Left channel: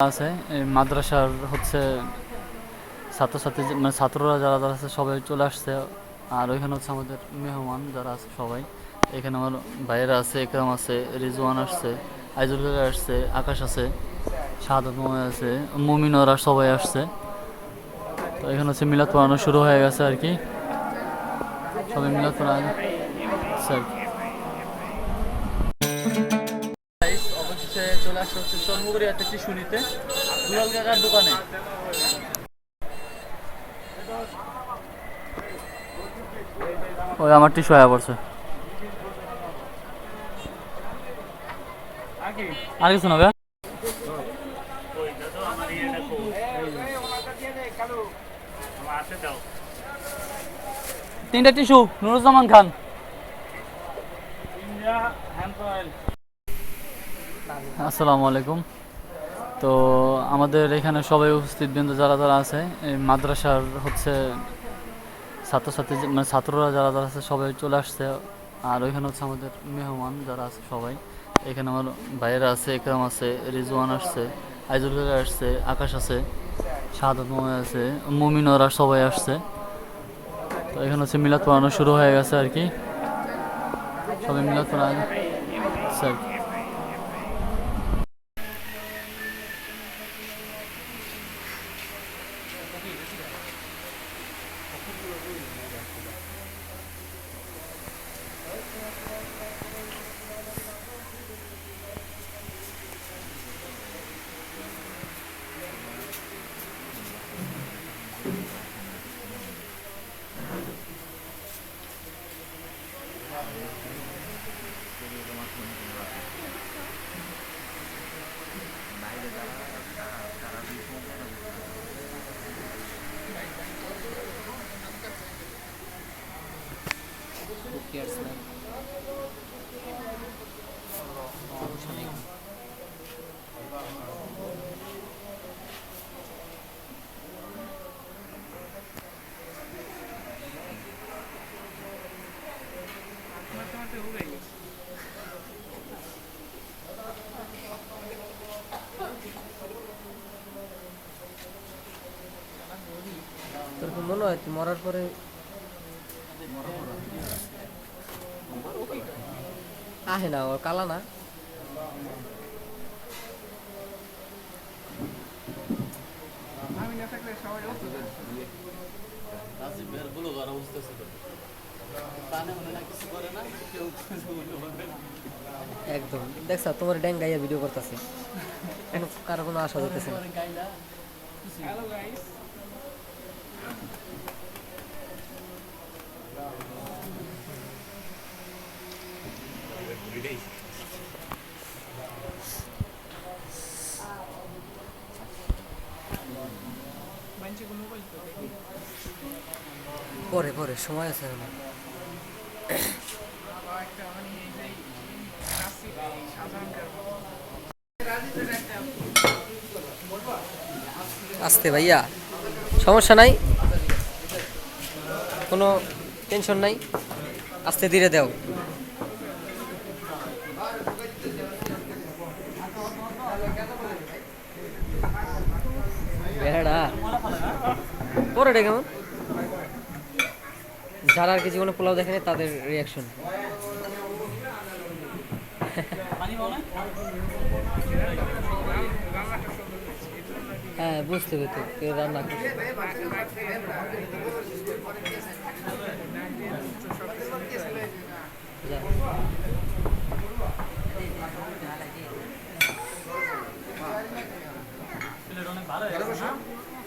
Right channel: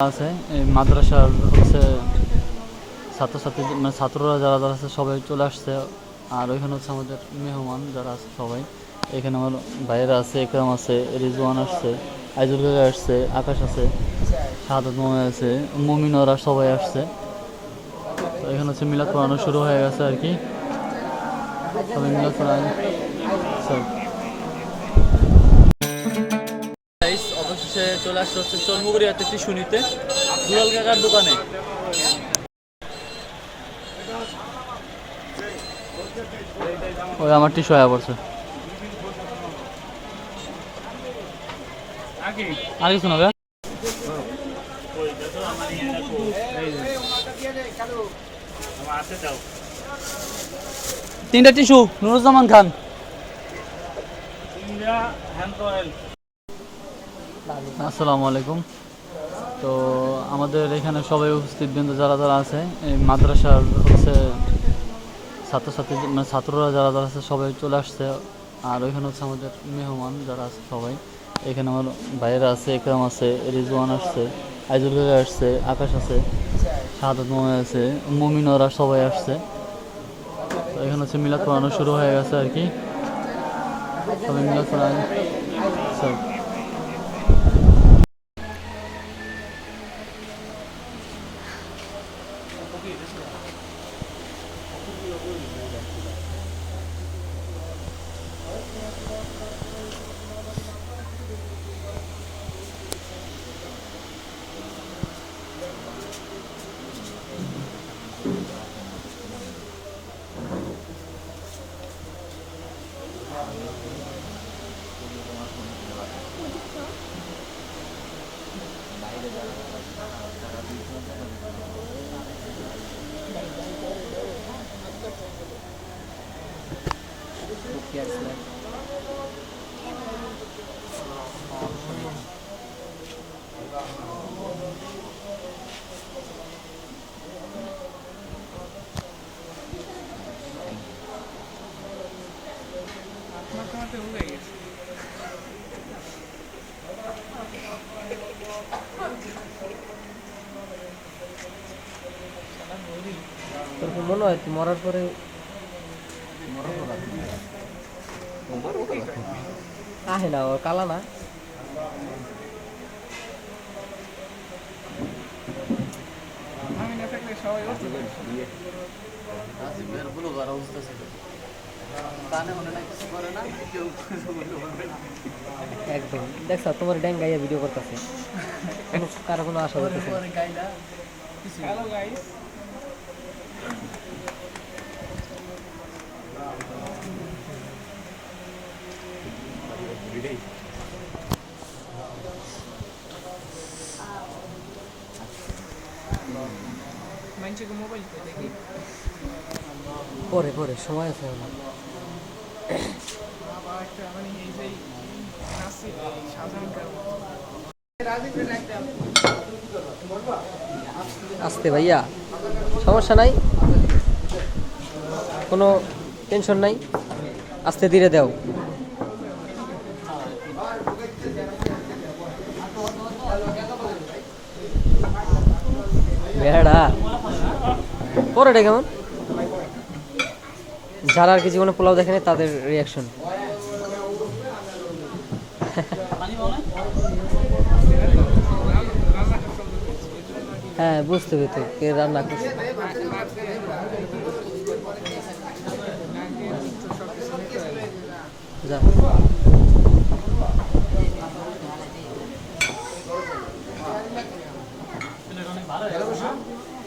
আছে মাদ্রাসার হচ্ছে ছাত্রছাত্রী মানে ছাত্ররা যারা যারা আছে সবাই চলে আসছে। আর ওইখানে হচ্ছে আমাদের মেহমান যারা আছে সবাই। এখানে আমার ভাইয়েরা আছে, একরাম আছে, রিজওয়ান আসছে আইজুল কাকা আসছে, আকাশ আছে, শাহাদত মোহাম্মদ আছে, মমিনরা সবাই আসছে। তো এখানে হচ্ছে মিলাদ পড়ানো শুরু হয়ে গেছে আর কি। সবাই মিলাদ পড়ানো। স্যার অবশেষে চলে আসতে হচ্ছে চর্মগুড়িয়াতে শুনিতে দুলাল কাকার দোকানে। ওই আমার টিস্যু আয়া পড়ছে। আর কিছু না তিনটা টিস্যু নুরুজ্জামান খান। আসসালামু আলাইকুম। তো আমাদের এখানে সবাই উপস্থিত, বিন্দু যারা যারা আছে, এই মাদ্রাসার হচ্ছে ছাত্রছাত্রী মানে ছাত্ররা যারা যারা আছে, সবাই চলে আসছে। আর ওইখানে হচ্ছে আমাদের মেহমান যারা আছে, সবাই। এখানে আমার ভাইয়েরা আছে, একরাম আছে, রিজওয়ান আসছে আইজুল আসছে, আকাশ আছে, শাহাদত মোহাম্মদ আছে, মমিনরা সবাই আসছে। তো এখানে হচ্ছে মিলাদ পড়ানো শুরু হয়ে গেছে আর কি। সবাই মিলাদ পড়ানো স্যার তোর কি মনে হয় মরার পরে আহে না, ও কালা না। একদম। দেখছ তোমার ড্যাঙ্গাইয়া ভিডিও করতেছে। কারও কোনো আশা করতেছে না পরে পরে, সময় আছে এখন। আসতে ভাইয়া, সমস্যা নাই? কোনো টেনশন নাই? আস্তে ধীরে দাও। পরেটা কেমন? যারা আর কি জীবনে পোলাও দেখেনি, তাদের রিয়াকশন হ্যাঁ বুঝতে পেতে কে রান্না করছে।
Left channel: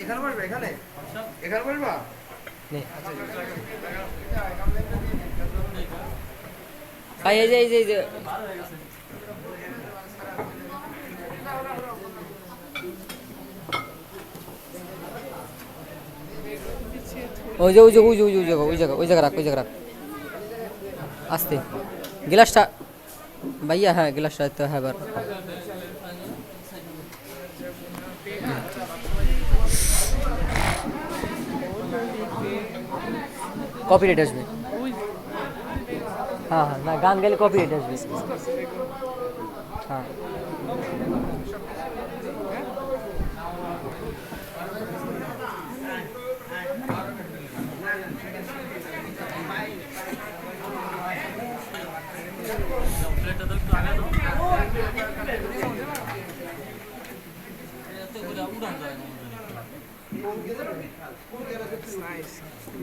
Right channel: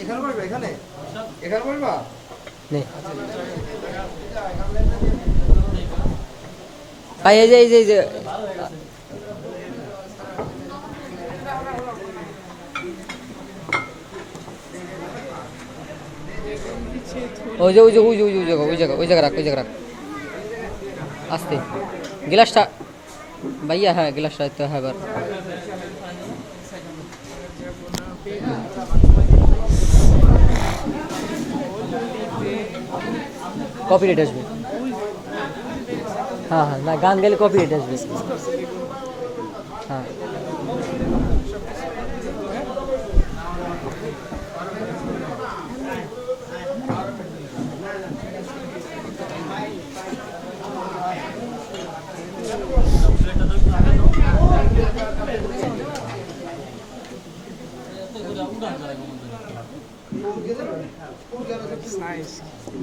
এখানে এখানে? এখানে পারবা নে। ভাই, এই যে এই যে এই যে। ওই যে ওই যে ওই যে ওই যে, ওই জায়গা ওই জায়গা ওই জায়গা রাখ, ওই জায়গা রাখ। আস্তে। গ্লাসটা। ভাইয়া হ্যাঁ গ্লাসটা তো হ্যাঁ কপিরাইট আসবে। হ্যাঁ হ্যাঁ না গান গেলে কপিরাইট আসবে। হ্যাঁ।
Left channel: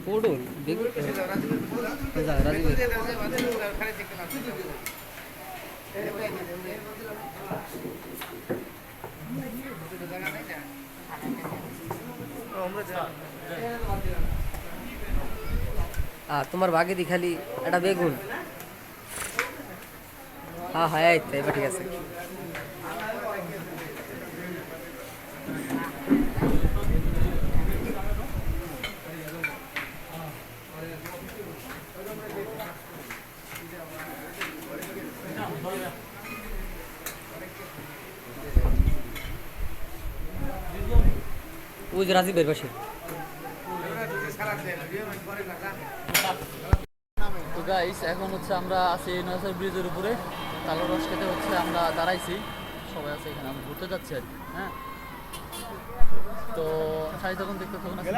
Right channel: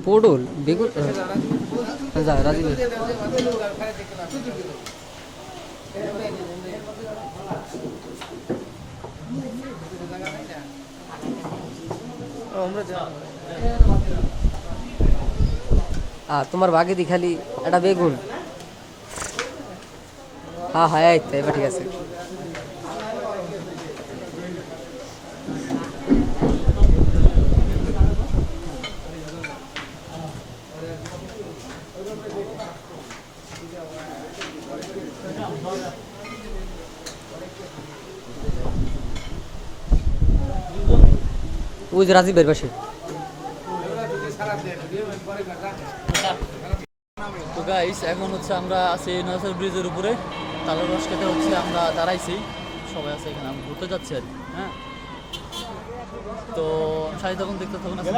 পটল বেগুন যা রাজীব ভাই। আ তোমার বাগে দি খালি একটা বেগুন হ্যাঁ হ্যাঁ এই তো এবার ঠিক আছে ওই যে রাজীবের পাশে। তো গাইস এখন হচ্ছে আমরা আছি নয়াসর ব্রিজের উপরে। তালের রস খেতে হচ্ছে আমরা দাঁড়াইছি। সবাই আছে এখানে, আমরা ঘুরতে যাচ্ছি আর হ্যাঁ? তো সাড়ে তখন দেখতে থাকুন, আজকে